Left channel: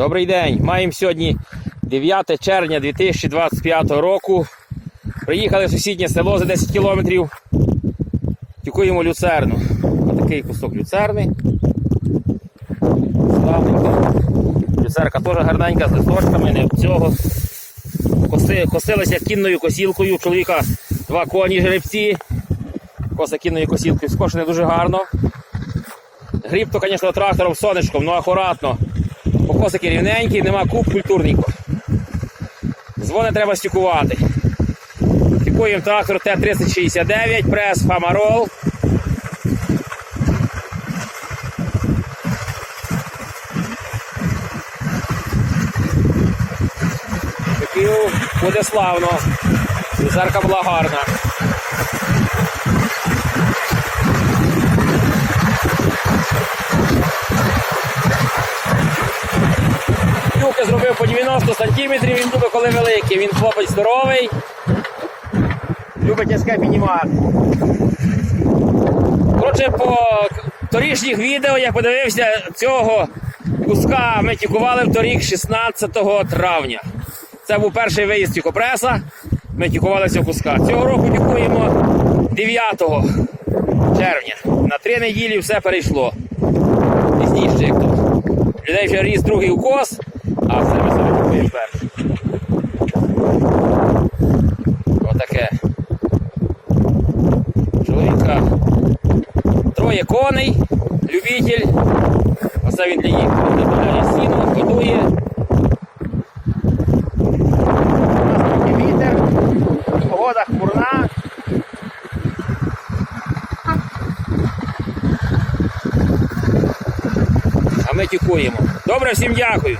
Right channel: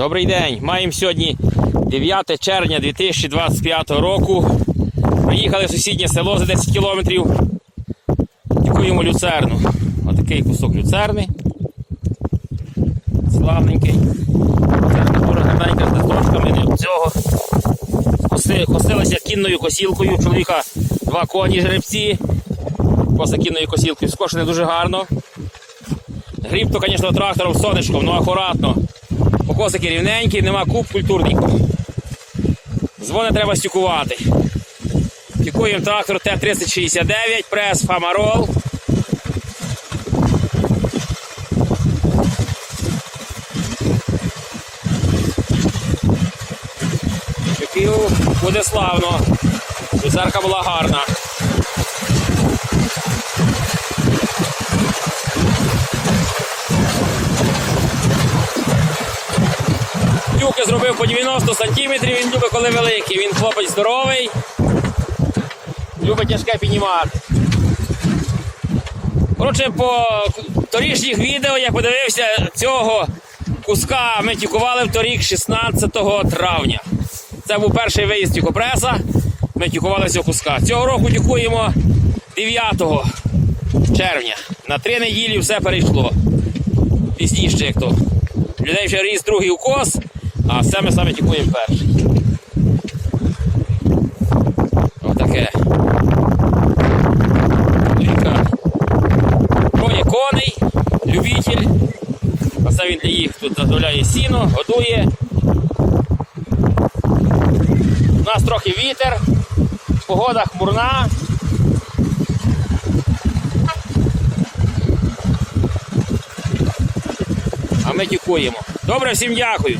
Добрий день. Маємо сьогодні 9 червня 2025 року. Приїхали в сусіднє село за 10 кілометрів. Дякуємо люцерну. Отакий кусок люцерни. Славненький. Люцерка теж гарненька з листочками, не цього. Коси, косилася кінною косілкою. У чоловіка два коні жеребці. Коса кінною косілкою. Скошене дуже гарно. Гріб то, звісно, трактором сонечком, ну акуратно. Покосики рівненькі, нема куб культурненько. Дзвони треба стюкувати. Тюкуємо трактор Т-3069, прес Фамарол. Тюків буде славно. Візерка була гарна. Тюки зробив по 90 сантиметрів, він любить, коли великий. Він хлопець здоровий, любить тяжке піднімати. Коротше, по торішніх відео я подивився цього куска. Ми тюкували в торік 16 травня. Це був перший виїзд тюкопреса. Ми тюкували цього куска. Цього року тюкуємо 9 червня. На три неділі все перейшло. Пізніше, як то. Людей вже ріс другий укос, а все ми саме тікуємо перший. Отаке. Чоловіка. Троє коней, любитель. Оце він для їх тут заготовляє сіно, годує. У нас трохи вітер, погода хмурна. А ми тікуємо. Добре, всім дякую.